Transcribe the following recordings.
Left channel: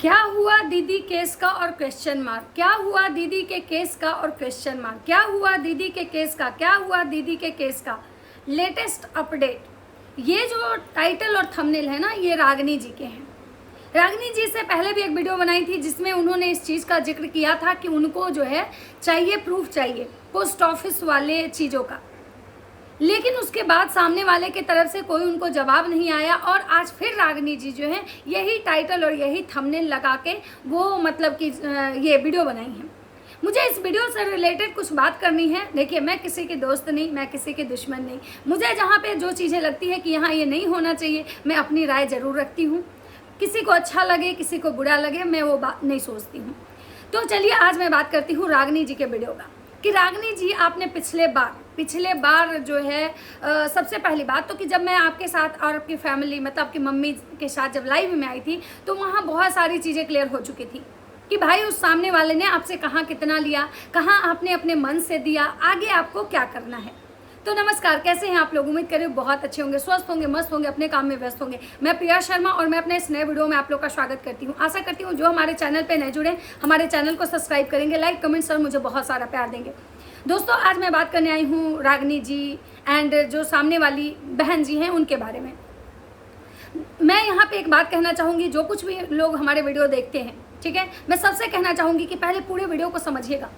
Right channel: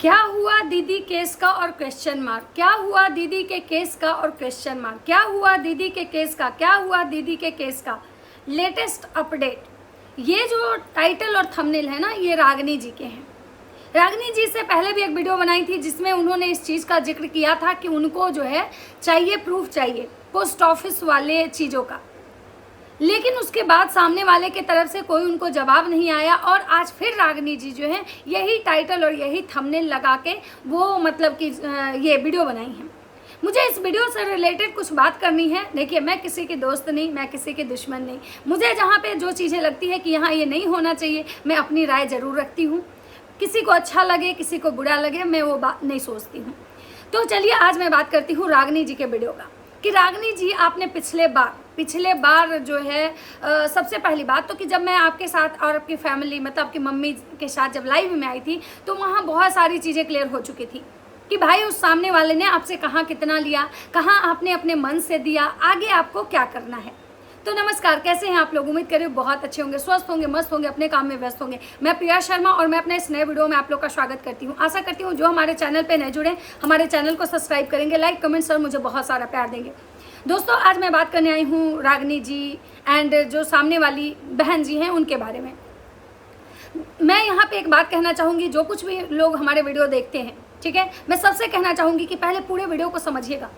क्या हुआ दीदी केस का और क्वेश्चन मार्क, क्या हुआ दीदी के केस का और क्वेश्चन मार्क, क्या हुआ दीदी के केस का, क्या हुआ दीदी के केस का लेटेस्ट अपडेट। ये जो टाइटल और थंबनेल है ना, ये रागनी जी के हैं। रागनी जी से पहले भी एक वीडियो बनाई थी जिसमें उन्होंने इस चीज़ का जिक्र किया था कि उनको जो है चाहिए प्रूफ, चाहिए पोस्ट ऑफिस वाले चीज़ों का। लेकिन उसके बाद सामने वाले की तरफ से कोई उनको जवाब नहीं आया और आज फिर रागनी जी जो है यही टाइटल और यही थंबनेल लगा के वो मतलब कि ये वीडियो बनाई है। मुझे इस वीडियो से रिलेटेड कुछ बात करनी है। देखिए, मैं किसी की दोस्त नहीं, मैं किसी की दुश्मन नहीं। मुझे जहाँ पे जो चीज़ें लगती है कि यहाँ ये नहीं होना चाहिए, मैं अपनी राय ज़रूर रखती हूँ। किसी को अच्छा लगे, किसी को बुरा लगे, मैं वो बात नहीं सोचती हूँ। तो चलिए आज मैं बात करती हूँ रागनी जी के वीडियो का कि रागनी जी आपने पिछले बार जो है सबसे पहली बात तो कि जब मैं आपके साथ और आपकी फैमिली मतलब आपकी मम्मी के साथ जब लाइव में आई थी तो वहाँ बहुत सारी चीज़ें क्लियर हो चुकी थी कि भाई उस सामने वाले ने आपसे कहाँ कितना लिया, कहाँ आपने अपने मन से दिया, आगे आपको क्या करना है। तो नमस्कार, कैसे हैं आप लोग? उम्मीद करें बहुत अच्छे होंगे, स्वस्थ होंगे, मस्त होंगे, अपने काम में व्यस्त होंगे। मैं प्रिया शर्मा और मैं अपने इस नए वीडियो में आप लोग का स्वागत करती हूं। आशा करती हूं जो हमारे चैनल पे नए जुड़े हमारे चैनल को सब्सक्राइब करेंगे, लाइक कमेंट सर मुझे बहुत सारा प्यार देंगे। दोस्तों, आज मैं बात करने आई हूँ रागनी जी एंड जो सामने वाली बहन जी हैं उनके बारे में। मैं यहाँ पे एक बात कहना चाहूँगी, जो कुछ भी लोग हमारे वीडियो देखते हैं, ठीक है, मैं सबसे कहना चाहूँगी कि पहले पूरे वीडियो को समझिएगा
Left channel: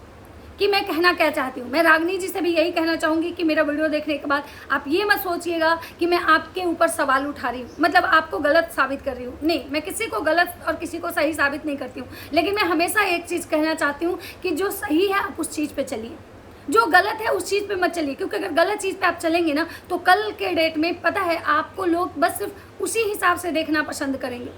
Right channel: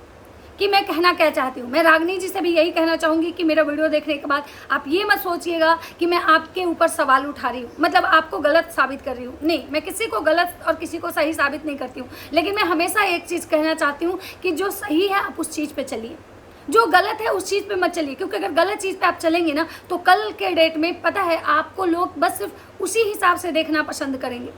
कि मैं कहना क्या चाहती हूँ। मैं रागनी जी से भी यही कहना चाहूँगी कि मेरा वीडियो देखने के बाद आप ये मत सोचिएगा कि मैं आपके ऊपर सवाल उठा रही हूँ, मतलब आपको गलत साबित कर रही हूँ। नहीं, मैं किसी को गलत और किसी को सही साबित नहीं करती हूँ, लेकिन मैं हमेशा एक चीज़ कहना चाहती हूँ कि जो सही है आप उस चीज़ पर चलिए, जो गलत है उस चीज़ पे मत चलिए। क्योंकि अगर गलत चीज़ पे आप चलेंगे ना तो कल के डेट में पता है आपको लोग बस सिर्फ उसी हिसाब से देखना पसंद करेंगे।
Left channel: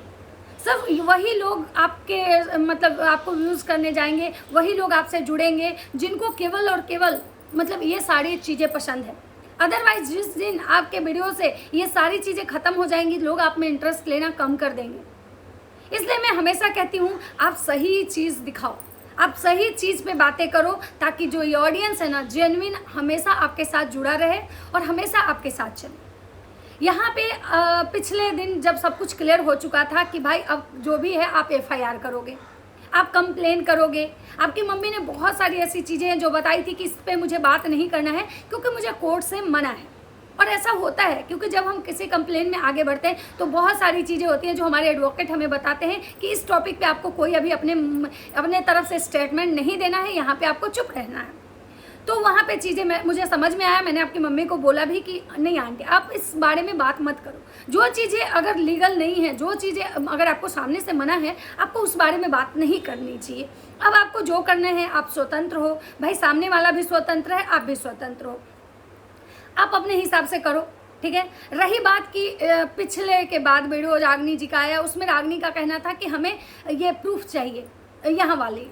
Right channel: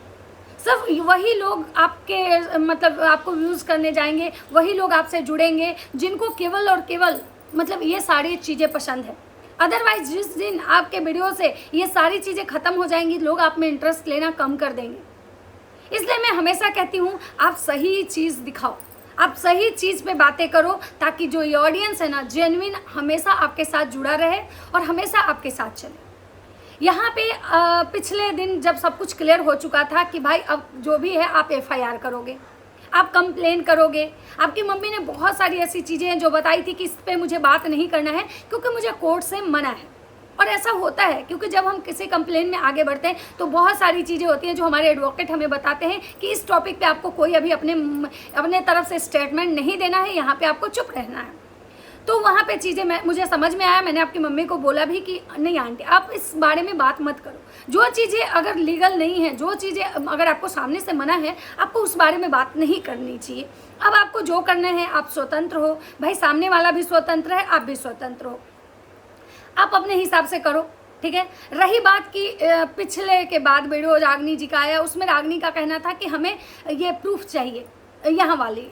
सिर्फ वही लोग आपके मतलब आपको यूज़ करने जाएंगे, वही लोग आपसे जुड़ेंगे जिनको केवल और केवल मतलब ये सारी चीज़ें पसंद है। अदरवाइज जिस दिन आपके वीडियो से ये सारी चीज़ें ख़त्म हो जाएंगी, लोग आप में इंटरेस्ट लेना कम कर देंगे। इसलिए मैं हमेशा कहती हूँ आप सही चीज़ दिखाओ, आप सही चीज़ पे बातें करो, ताकि जो ये ऑडियंस है ना जेन्युइन हमेशा आपके साथ जुड़ा रहे और हमेशा आपके साथ चले। यहाँ पे पिछले दिन जब सब कुछ क्लियर हो चुका था कि भाई अब जो भी है आप एफआईआर करोगे, आप कंप्लेन करोगे। आपकी मम्मी ने बहुत सारी ऐसी चीज़ें हैं जो बताई थी कि इस पे मुझे बात नहीं करना है क्योंकि मुझे कोर्ट से मना है। और ऐसा होता है क्योंकि जब हम किसी कंप्लेन में आगे बढ़ते हैं तो बहुत सारी चीज़ें होती हैं जो हमारे एडवोकेट हमें बताते हैं कि इस टॉपिक पे आपको कोई अभी अपने तरफ से स्टेटमेंट नहीं देना है, यहाँ पे आपको चुप रहना है। तो वहाँ पे चीज़ें मुझे समझ में आया। मैंने आपकी मम्मी को बोला भी कि नहीं आंटी, आप इस बारे में बात मत करो। जो चीज़ें अगर लीगल नहीं है, जो चीज़ें अगर आपको सामने से मना है, आपको उस बारे में बात नहीं करनी चाहिए। अब आपको जो करना है आप स्वतंत्र हो भाई, सामने वाला भी स्वतंत्र है, आप भी स्वतंत्र हो, आप अपने हिसाब से करो, ठीक है। रही बात की पिछले के बाद वीडियो रागनी जी का आया, उसमें रागनी का कहना था कि हमें ये प्रूफ चाहिए, यहाँ वाली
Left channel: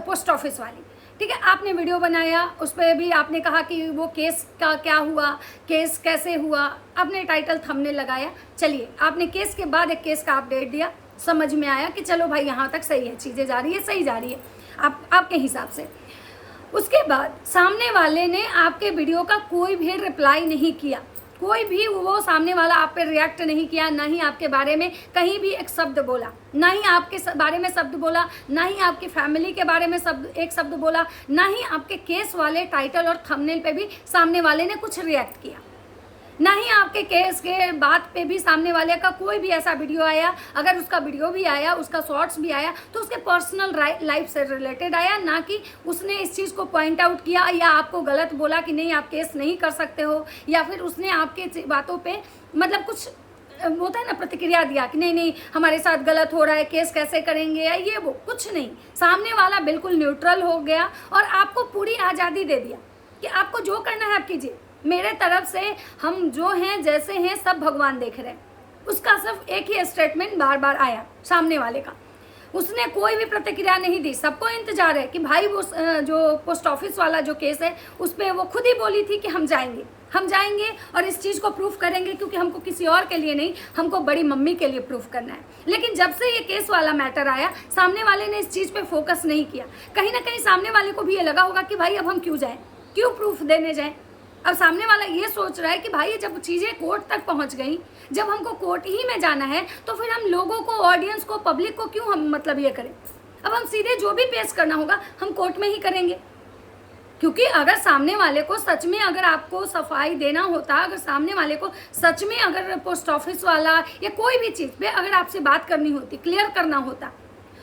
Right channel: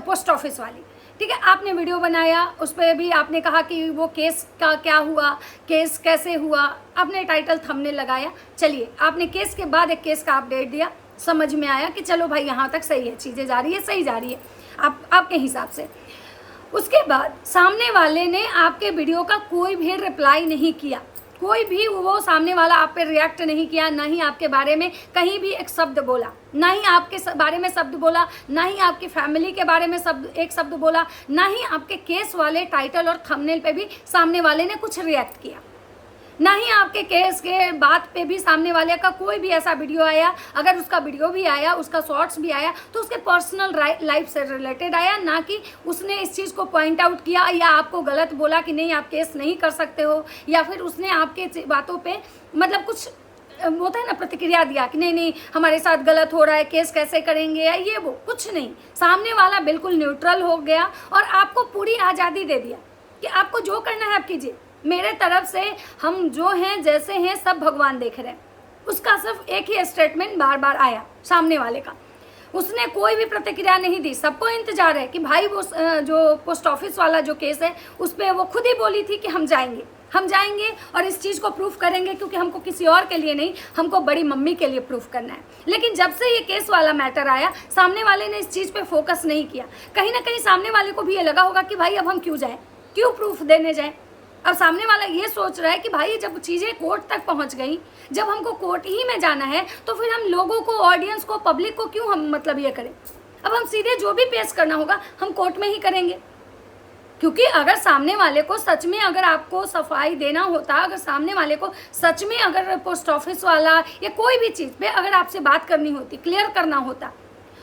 पोस्ट ऑफिस वाली, ठीक है। आपने वीडियो बनाया, उस पर भी आपने कहा कि वो केस का क्या हुआ, केस कैसे हुआ, आपने टाइटल थंबनेल लगाया। चलिए, आपने केस के बाद एक केस का अपडेट दिया, समझ में आया कि चलो भाई यहाँ तक सही है, चीज़ें जा रही है, सही जा रही है आपके हिसाब से। उसके बाद सामने वाले ने आपके वीडियो का कोई भी रिप्लाई नहीं किया, कोई भी वो सामने वाला आप पे रिएक्ट नहीं किया, ना ही आपके बारे में कहीं भी एक शब्द बोला, ना ही आपके बारे में शब्द बोला, ना ही आपकी फैमिली के बारे में एक शब्द बोला, ना ही आपके केस वाले टाइटल और थंबनेल पे भी सामने वाले ने कुछ रिएक्ट किया, ना ही आपके केस के बात पे भी सामने वाले का कोई भी ऐसा वीडियो आया। अगर उसका वीडियो भी आया, उसका शॉर्ट्स भी आया तो उसके पर्सनल लाइफ से रिलेटेड आया, ना कि उसने इस चीज़ को पॉइंट आउट किया या आपको गलत बोला कि नहीं आप केस नहीं कर सकते हो, या फिर उसने आपके बातों पे मतलब कुछ होता है ना प्रतिक्रिया दिया कि नहीं नहीं हमारे साथ गलत हो रहा है, केस कैसे करेंगे या ये वो, कुछ नहीं। सामने वाला बिल्कुल न्यूट्रल हो गया और आपको पूरी आज़ादी दे दिया कि आपको जो करना है आप कीजिए, मेरे तरफ से हम जो हैं जैसे हैं सब भगवान देख रहे हैं। उसका सिर्फ एक ही स्टेटमेंट बार बार आया सामने वाले का, उसने कोई भी प्रतिक्रिया नहीं दी। सबको इंतजार है कि भाई वो जो पोस्ट ऑफिस वाला जो केस है उस पर वो खुद ही बोली थी कि हम जाएंगे और इस चीज़ को प्रूफ करेंगे, क्योंकि हमको किसी और के लिए नहीं, हमको बड़ी मम्मी के लिए प्रूफ करना है। लेकिन जब से ये केस वाला मैटर आया, सामने वाले ने इस चीज़ पे फोकस नहीं किया। कहीं ना कहीं सामने वाले को भी ये लगा होगा कि भाई अब हम क्यों जाएं, क्यों प्रूफ देने जाएं। अब सामने वाला ये सोच रहा है कि भाई जब चीज़ें कोर्ट तक पहुंच गई, जब हमको कोर्ट ही में जाना है तो फिर हम लोगों को, ऑडियंस को, पब्लिक को क्यों हम मतलब ये करें। अब हम सीधे जो भी पेश करना होगा हम कोर्ट में ही करेंगे, क्योंकि अगर सामने वाले को सच में अगर आपको सफाई देना होता, अगर सामने वाले को सच में अगर पोस्ट ऑफिस वाला या कोई भी चीज़ पे अगर आपसे बात करनी होती, क्लियर करना होता,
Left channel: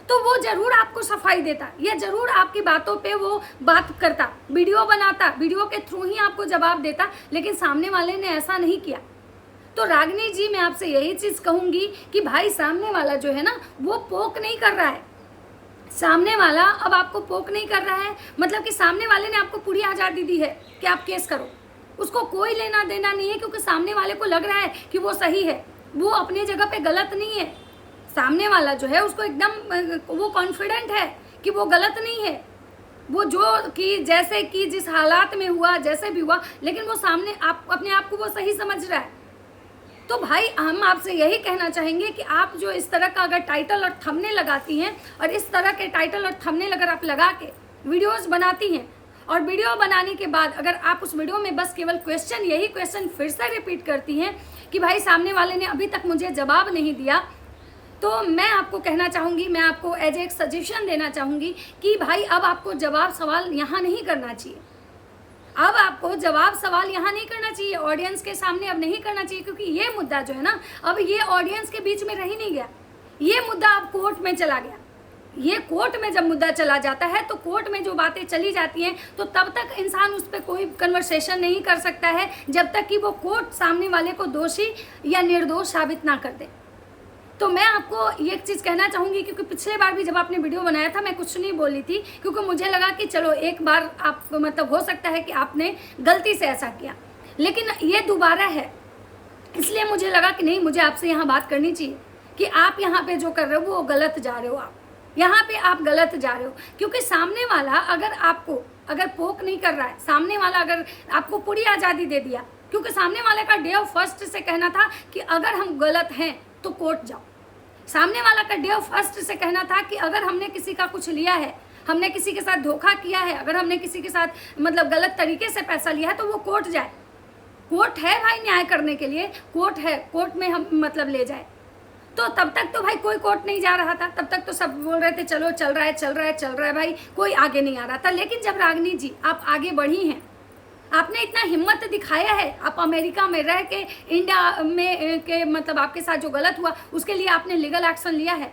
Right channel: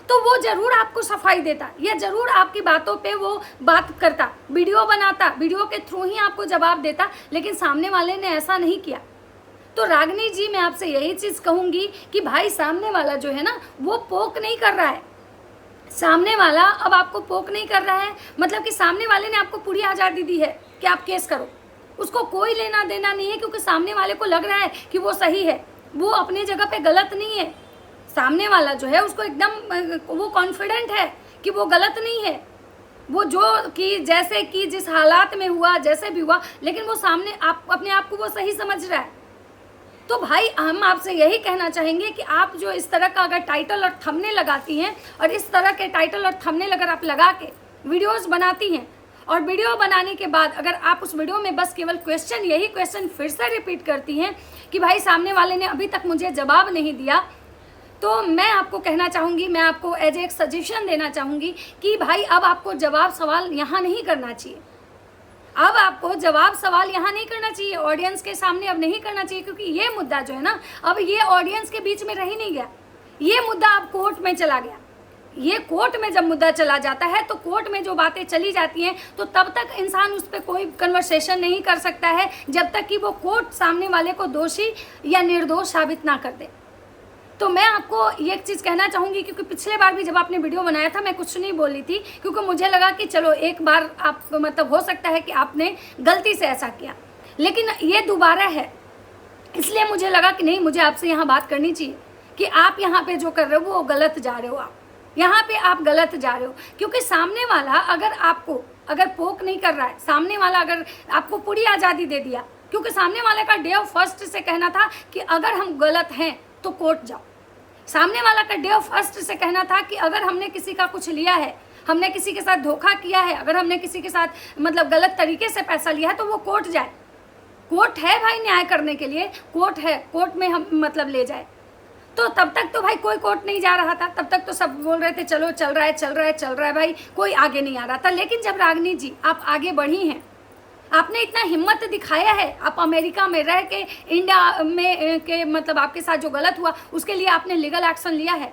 तो वो जरूर आपको सफाई देता, या जरूर आपकी बातों पे वो बात करता, वीडियो बनाता, वीडियो के थ्रू ही आपको जवाब देता। लेकिन सामने वाले ने ऐसा नहीं किया। तो रागिनी जी, मैं आपसे यही चीज़ कहूँगी कि भाई सामने वाला जो है ना वो पोक नहीं कर रहा है। सामने वाला अब आपको पोक नहीं कर रहा है, मतलब कि सामने वाले ने आपको पूरी आज़ादी दी है कि आप केस करो, उसको कोई लेना देना नहीं है, क्योंकि सामने वाले को लग रहा है कि वो सही है, वो अपने जगह पे गलत नहीं है। सामने वाला जो है उसको एकदम वो कॉन्फिडेंट है कि वो गलत नहीं है, वो जो कि जैसे कि जिस हालात में हुआ, जैसे भी हुआ, लेकिन वो सामने आप अपने आप को वो सही समझ रहा है। तो भाई हम आपसे यही कहना चाहेंगे कि आप जो इस तरह का अगर टाइटल और थंबनेल लगाती हैं, और इस तरह के टाइटल और थंबनेल अगर आप लगा के वीडियोस बनाती हैं, और वीडियो बनाने के बाद अगर आप उस वीडियो में बस केवल क्वेश्चन, यही क्वेश्चन फिर से रिपीट करती हैं कि भाई सामने वाले ने अभी तक मुझे जवाब नहीं दिया, तो मैं आपको कहना चाहूँगी, मैं आपको एज एक सजेशन देना चाहूँगी कि भाई अब आपको जवाब सवाल यहाँ नहीं करना चाहिए। अब आपको जवाब सवाल यहाँ नहीं करना चाहिए, ऑडियंस के सामने अब नहीं करना चाहिए, क्योंकि ये मुद्दा जो है ना अब ये ऑडियंस के बीच में रह ही नहीं गया, ये मुद्दा अब कोर्ट में चला गया। ये कोर्ट में जब मुद्दा चला जाता है तो कोर्ट में जो बातें चली जाती हैं तो तब तक इंसान उस पर कोई कन्वर्सेशन नहीं कर सकता है जब तक कि वो कोर्ट सामने वाले को दोषी या निर्दोष साबित ना कर दे। तो मैं आपको ये चीज़ कहना चाहूँगी, क्योंकि पिछले बार भी जब आपने वीडियो बनाया था मैं कुछ नहीं बोली थी, क्योंकि मुझे लगा कि चलो एक बार आप मतलब हो सकता है कि आपने गलती से ऐसा किया, लेकिन ये दोबारा है, इसलिए मुझे लगा कि नहीं, मुझे आपसे यहाँ बात करनी चाहिए कि आप यहाँ पे जो कर रहे हो वो गलत जा रहे हो, आप यहाँ पे आप गलत जा रहे हो। क्योंकि सामने वाला अगर आपको अगर पोक नहीं कर रहा है, सामने वाला अगर आपको पूरी आज़ादी दे दिया, क्योंकि सामने वाले का डे ऑफ फर्स्ट से कहना था कि अगर हम गलत हैं तो कोर्ट जाओ। सामने वाला का डे ऑफ फर्स्ट से कहना था कि अगर हमने किसी का कुछ लिया है, हमने किसी के साथ धोखा किया है, अगर हमने किसी के साथ मतलब गलत तरीके से पैसा लिया है तो वो कोर्ट जाए। कोर्ट है भाई न्याय करने के लिए, कोर्ट है, कोर्ट में हम मतलब ले जाए। तो तब तक तो भाई कोई कोर्ट नहीं जा रहा था, तब तक तो सब बोल रहे थे चलो चल रहा है चल रहा है चल रहा है, भाई कोई आगे नहीं आ रहा था। लेकिन जब रागिनी जी आप आगे बढ़ी हैं, आपने इतना हिम्मत दिखाया है, आप अमेरिका में रह के इंडिया में के मतलब आपके साथ जो गलत हुआ उसके लिए आपने लीगल एक्शन लिया है।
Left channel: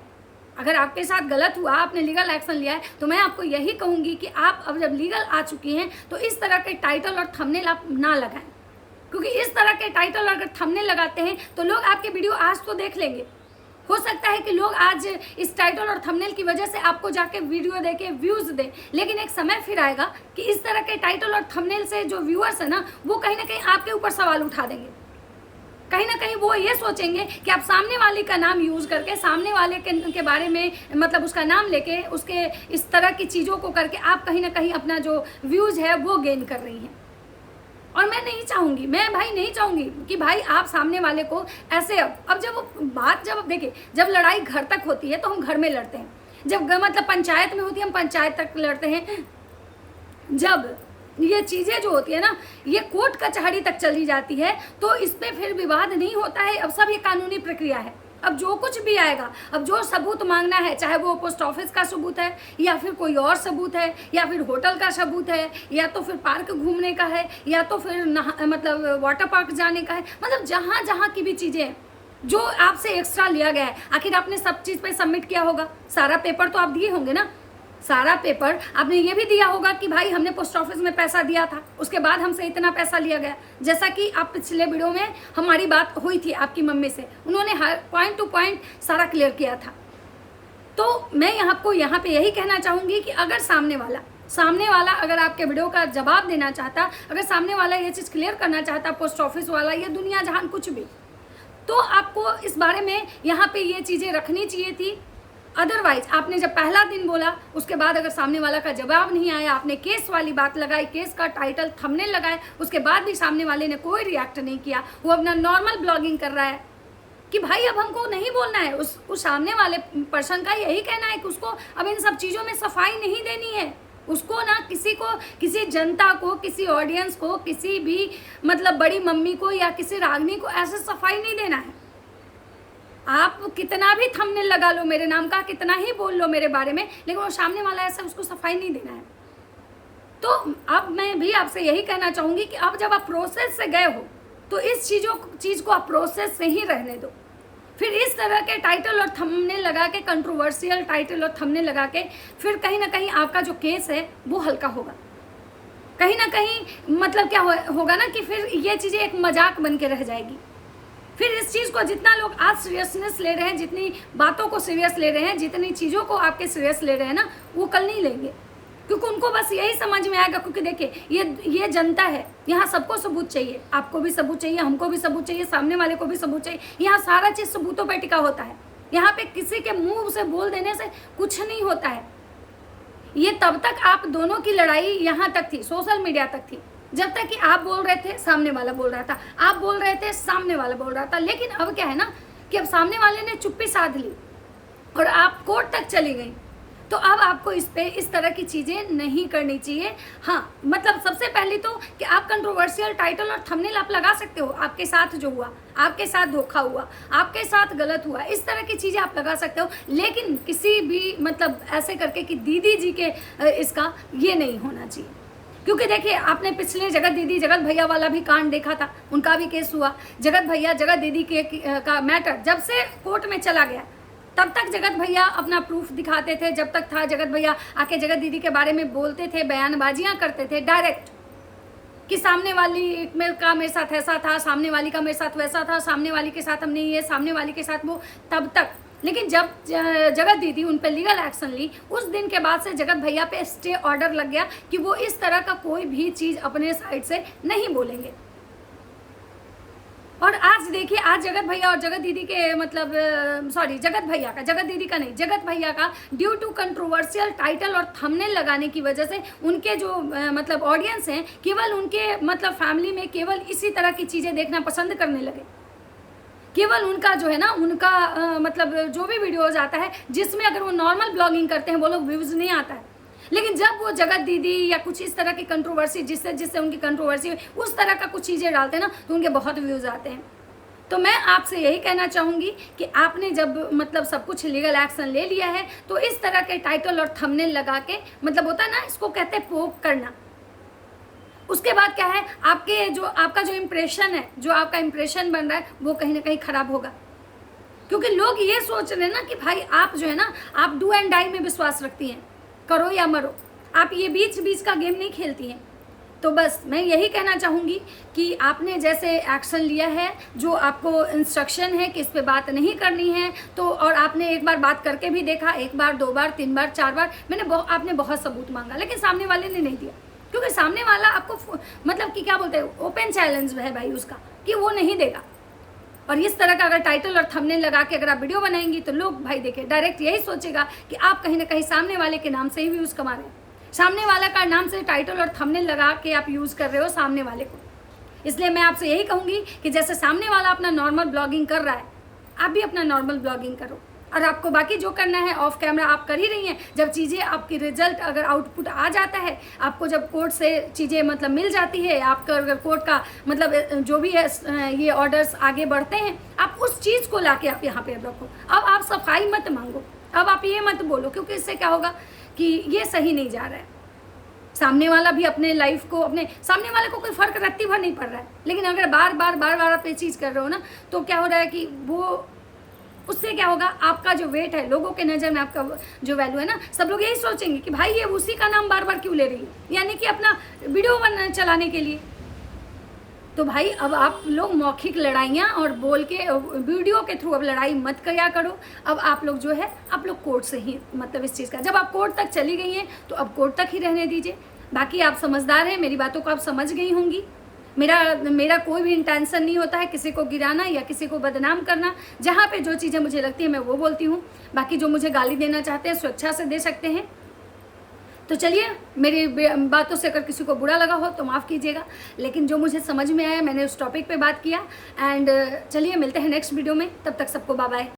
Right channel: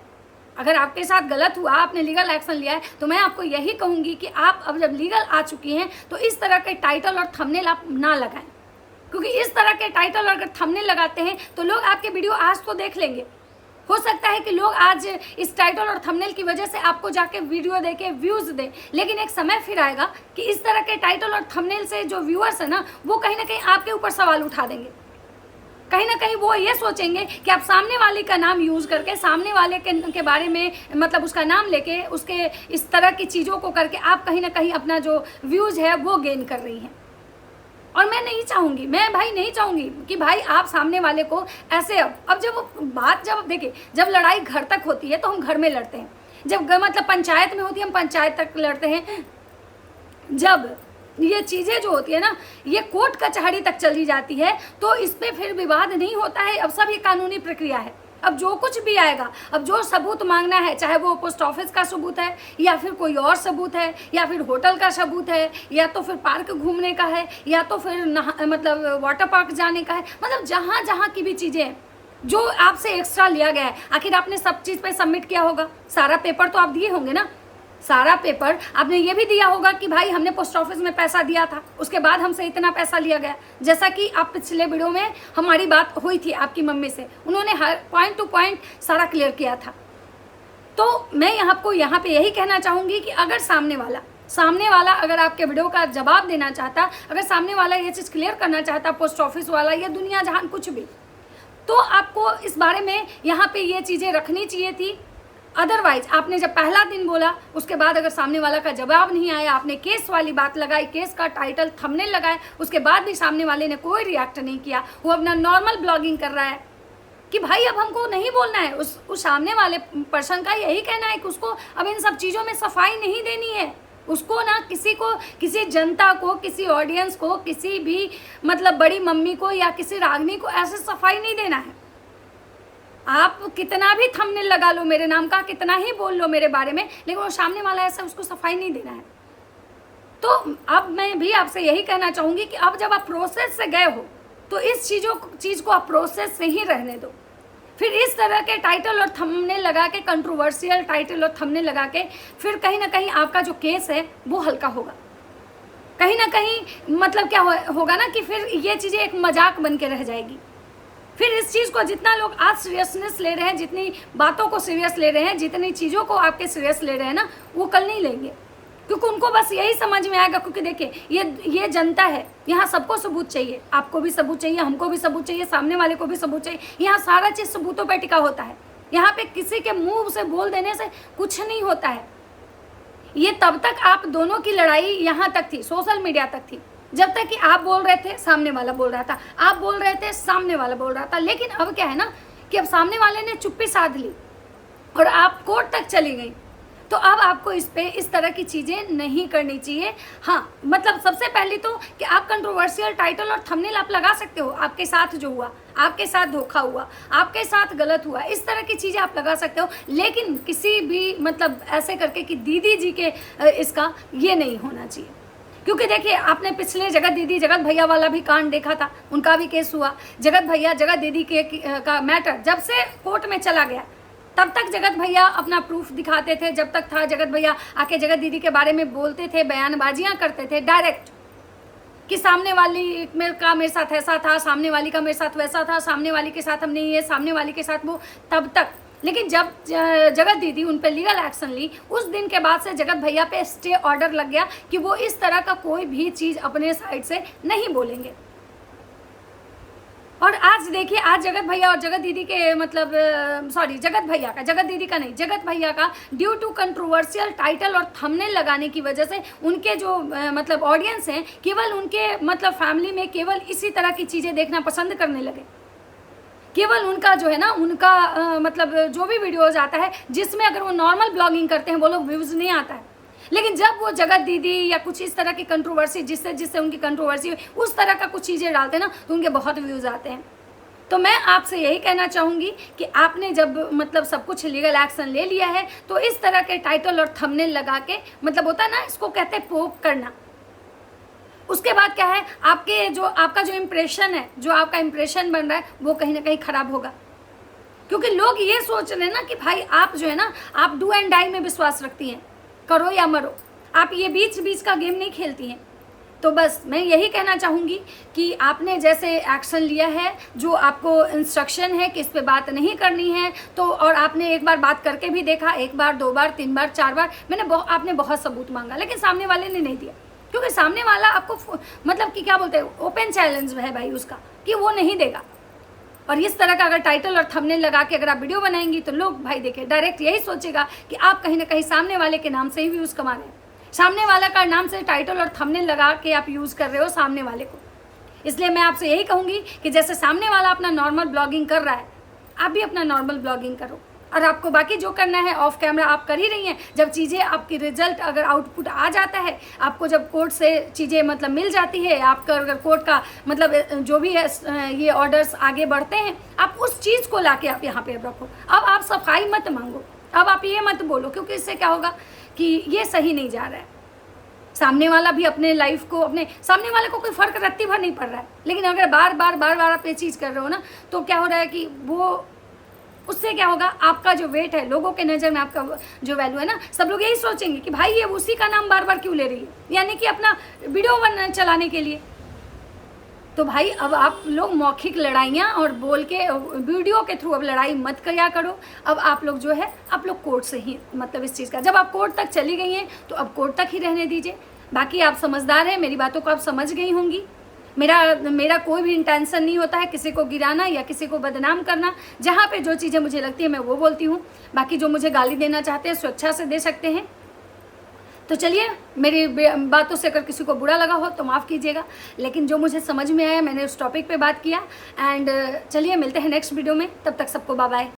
अगर आपके साथ गलत हुआ, आपने लीगल एक्शन लिया है, तो मैं आपको यही कहूँगी कि आप अब जब लीगल आ चुकी हैं तो इस तरह के टाइटल और थंबनेल आप ना लगाएं, क्योंकि इस तरह के टाइटल और अगर थंबनेल लगाते हैं तो लोग आपके वीडियो आज तो देख लेंगे। हो सकता है कि लोग आज इस टाइटल और थंबनेल की वजह से आपको जाके वीडियो देके व्यूज़ दें, लेकिन एक समय फिर आएगा कि इस तरह के टाइटल और थंबनेल से जो व्यूअर्स है ना वो कहीं ना कहीं आपके ऊपर सवाल उठा देंगे। कहीं ना कहीं वो ये सोचेंगे कि आप सामने वाले का नाम यूज़ करके, सामने वाले के बारे में मतलब उसका नाम लेके, उसके इस तरह की चीज़ों को करके आप कहीं ना कहीं अपना जो व्यूज़ है वो गेन कर रही हैं। और मैं नहीं चाहूँगी, मैं भाई नहीं चाहूँगी कि भाई आप सामने वाले को ऐसे अब जब देखिए, जब लड़ाई घर तक होती है तो हम घर में लड़ते हैं, जब मतलब पंचायत में होती है हम पंचायत तक लड़ते हैं, जब ये चीज़ें जो होती है ना ये कोर्ट कचहरी तक चली जाती है तो इस पर फिर विवाद नहीं होता है। अब सब ये कानूनी प्रक्रिया है, अब जो कुछ भी आएगा, अब जो सबूत मांगना है, चाहे वो पोस्ट ऑफिस का सबूत है या फिर कोई और सबूत है या फिर होटल का सबूत है या तो फिर पार्क घूमने का है या तो फिर मतलब वाटर पार्क जाने का है, मतलब जहाँ जहाँ की भी चीज़ें हैं जो आपसे एक्स्ट्रा लिया गया है, आखिर आपने सब चीज़ पे सबमिट किया होगा, सारा पेपर तो आप दिए होंगे ना, सारा पेपर आपने ये भी दिया होगा कि भाई हमने पोस्ट ऑफिस में पैसा दिया था, उसके बाद हमसे इतना पैसा लिया गया। जैसा कि आप पिछले वीडियो में हमारी बात हुई थी आपकी मम्मी से, उन्होंने हर पॉइंट टू पॉइंट सारा क्लियर किया था। तो मैं आपको यहाँ पे यही कहना चाहूँगी कि अगर सामने वाला अगर आपके वीडियो का जवाब देना चाहता, अगर सामने वाला ये चीज़ क्लियर करना चाहता, पोस्ट ऑफिस वाला या दुनिया जहान कुछ भी, तो आपको इस बारे में यहाँ पे ये चीज़ें रखनी चाहिए थी। अदरवाइज आपने जब पहला दिन बोला उसके बाद अगर सामने वाला का जवाब नहीं आया, आपने केस वाली बात लगाई, केस का टाइटल थंबनेल लगाए, उसके बाद भी सामने वाले ने कोई रिएक्ट नहीं किया, वो अपना नॉर्मल ब्लॉगिंग कर रहा है कि भाई अब हमको नहीं बोलना है, उस सामने वाले पर्सन का यही कहना है कि उसको अब इन सब चीज़ों में सफाई नहीं देनी है, उसको ना किसी जनता को, किसी ऑडियंस को, किसी भी मतलब बड़ी मम्मी को या किसी रागनी को ऐसे सफाई नहीं देना है। आप कितना भी थंबनेल लगा लो मेरे नाम का, कितना ही बोल लो मेरे बारे में, लेकिन वो सामने वाला ऐसा उसको सफाई नहीं देना है। तो अब मैं भी आपसे यही कहना चाहूंगी कि अब जब आप प्रोसेस से गए हो तो इस चीज को आप प्रोसेस से ही रहने दो। फिर इस तरह के टाइटल और थंबनेल लगा के, कंट्रोवर्शियल टाइटल और थंबनेल लगा के, फिर कहीं ना कहीं आपका जो केस है वो हल्का होगा। कहीं ना कहीं मतलब क्या होगा ना कि फिर ये चीजें एक मजाक बन के रह जाएगी। फिर इस चीज को जितना लोग आज सीरियसनेस ले रहे हैं, जितनी बातों को सीरियस ले रहे हैं, जितनी चीजों को आपके सीरियस ले रहे हैं ना, वो कल नहीं लेंगे, क्योंकि उनको बस यही समझ में आएगा। क्योंकि देखिए ये जनता है, यहाँ सबको सबूत चाहिए, आपको भी सबूत चाहिए, हमको भी सबूत चाहिए, सामने वाले को भी सबूत चाहिए। यहाँ सारा चीज सबूतों पर टिका होता है। यहाँ पे किसी के मुंह से बोल देने से कुछ नहीं होता है। ये तब तक आप दोनों की लड़ाई यहाँ तक थी, सोशल मीडिया तक थी, जब तक कि आप बोल रहे थे सामने वाला बोल रहा था, आप बोल रहे थे सामने वाला बोल रहा था। लेकिन अब क्या है ना कि अब सामने वाले ने चुप्पी साध ली और आप कोर्ट तक चली गई, तो अब आपको इस तरह की चीजें नहीं करनी चाहिए। हाँ, मतलब सबसे पहले तो कि आप कंट्रोवर्शियल टाइटल और थंबनेल आप लगा सकते हो। आपके साथ जो हुआ, आपके साथ धोखा हुआ, आपके साथ गलत हुआ, इस तरह की चीजें आप लगा सकते हो। लेकिन किसी भी मतलब ऐसे करके कि दीदी जी के इसका ये नहीं होना चाहिए। क्योंकि देखिए, आपने पिछले जगत भैया वाला भी कांड देखा था, उनका भी केस हुआ। जगत भैया जगत दीदी का मैटर जब से कोर्ट में चला गया, तब तक जगत भैया अपना प्रूफ दिखाते थे। जब तक था, जगत भैया आके जगत दीदी के बारे में बोलते थे, बयानबाजियां करते थे डायरेक्ट कि सामने वाली का मेरे साथ ऐसा था, सामने वाली का मेरे साथ वैसा था, सामने वाली के साथ हमने ये, सामने वाली के साथ वो, तब तक। लेकिन जब जगत दीदी उन पे लीगल एक्शन ली, उस दिन के बाद से जगत भैया पे स्टे ऑर्डर लग गया कि वो इस तरह का कोई भी चीज अपने साइड से नहीं बोलेंगे। और आज देखिए, आज जगत भैया और जगत दीदी के मतलब जगत भैया का, जगत दीदी का नहीं, जगत भैया का ड्यू टू कंट्रोवर्शियल टाइटल और थंबनेल लगाने की वजह से उनके जो मतलब ऑडियंस हैं, केवल उनके मतलब फैमिली में केवल इसी तरह की चीजें देखना पसंद करने लगे। केवल उनका जो है ना, उनका मतलब जो भी वीडियोज आता है जिसमें अगर वो नॉर्मल ब्लॉगिंग करते हैं वो लोग व्यूज नहीं आता है। लेकिन जब वो जगत दीदी या कुछ इस तरह की कंट्रोवर्सी, जिससे उनकी कंट्रोवर्सी उस तरह का कुछ चीजें डालते हैं ना, तो उनके बहुत व्यूज आते हैं। तो मैं आपसे यही कहना चाहूंगी कि आपने जब मतलब सब कुछ लीगल एक्शन ले लिया है, तो इस तरह के टाइटल और थंबनेल लगा के, मतलब होता है ना, इसको कहते हैं पोक करना। उसके बाद क्या है, आपका जो इम्प्रेशन है, जो आपका इम्प्रेशन बन रहा है, वो कहीं ना कहीं खराब होगा। क्योंकि लोग ये सोच रहे हैं ना कि भाई आप जो है ना, आप डू एंड डाई में विश्वास रखती हैं, करो या मरो, आप ये बीच बीच का गेम नहीं खेलती हैं। तो बस मैं यही कहना चाहूँगी कि आपने जैसे एक्शन लिया है, जो आपको इंस्ट्रक्शन है कि इस पे बात नहीं करनी है, तो और आपने एक बार बात करके भी देखा, 1 बार 2 बार 3 बार 4 बार, आपने बहुत सबूत मांगा, लेकिन सामने वाले ने नहीं दिया। क्योंकि सामने वाला आपको मतलब कि क्या बोलते हैं, ओपन चैलेंज है भाई उसका, कि वो नहीं देगा। और इस तरह का अगर टाइटल और थंबनेल लगा के अगर आप वीडियो बनाएंगी, तो लोग भाई देखिए डायरेक्ट यही सोचेगा कि आप कहीं ना कहीं सामने वाले के नाम से ही व्यूज कमा रहे हैं। सामने वाला का नाम से टाइटल और थंबनेल लगा के आप यूज कर रहे हो सामने वाले को। इसलिए मैं आपसे यही कहूंगी कि जैसे सामने वाला अपना नॉर्मल ब्लॉगिंग कर रहा है, आप भी अपना नॉर्मल ब्लॉगिंग करो। और आपको बाकी जो करना है ऑफ कैमरा आप कर ही रही हैं। जब चीज़ें आपकी रिजल्ट अगर आउटपुट आ जाता है, आपको जब कोर्ट से चीज़ें मतलब मिल जाती है, आपका अगर कोर्ट का मतलब जो भी है ये ऑर्डर्स आगे बढ़ते हैं, आप उस चीज़ को लाके आप यहाँ पे रखो। अब आप सफाई मत मांगो, अब आप ये मत बोलो, क्योंकि इससे क्या होगा कि ये सही नहीं जा रहा है। सामने वाला भी अपने लाइफ को, अपने सामने वाले को कोई फर्क रत्ती भर नहीं पड़ रहा है। लेकिन अगर बार बार आप ये चीज़ कर रहे हो ना, तो क्या हो रहा है कि वो उससे क्या होगा, आपका जो वेट है, लोगों के नज़र में आपका जो वैल्यू है ना, सब लोग यही सोचेंगे कि भाई ये उसी का नाम बार बार क्यों ले रही है, यानी कि अपना वीडियो चलाने के लिए। तो भाई अब आप लोग मौखिक लड़ाइयाँ और बोल के वीडियो के थ्रू अब लड़ाई मत किया करो। अब आप लोग जो है, आप लोग कोर्ट से ही मतलब इस चीज़ का, जब आप कोर्ट तक चली गई हैं तो अब कोर्ट तक ही रहने दीजिए। बाकी आप समझदार हैं, मेरी बातों को आप समझ गई होंगी। मेरा कोई भी इंटेंशन नहीं होता है किसी को गिराना या किसी को बदनाम करना। जहाँ पे जो चीज़ें मुझे लगती है मैं वो बोलती हूँ। बाकी जो मुझे गाली देना चाहते हैं स्वेच्छा से दे सकते हैं। तो चलिए, मेरी बातों से अगर किसी को बुरा लगा हो तो माफ़ कीजिएगा, लेकिन जो मुझे समझ में आया मैंने उस टॉपिक पे बात किया। एंड चलिए मिलते हैं नेक्स्ट वीडियो में, तब तक सबको बाय बाय।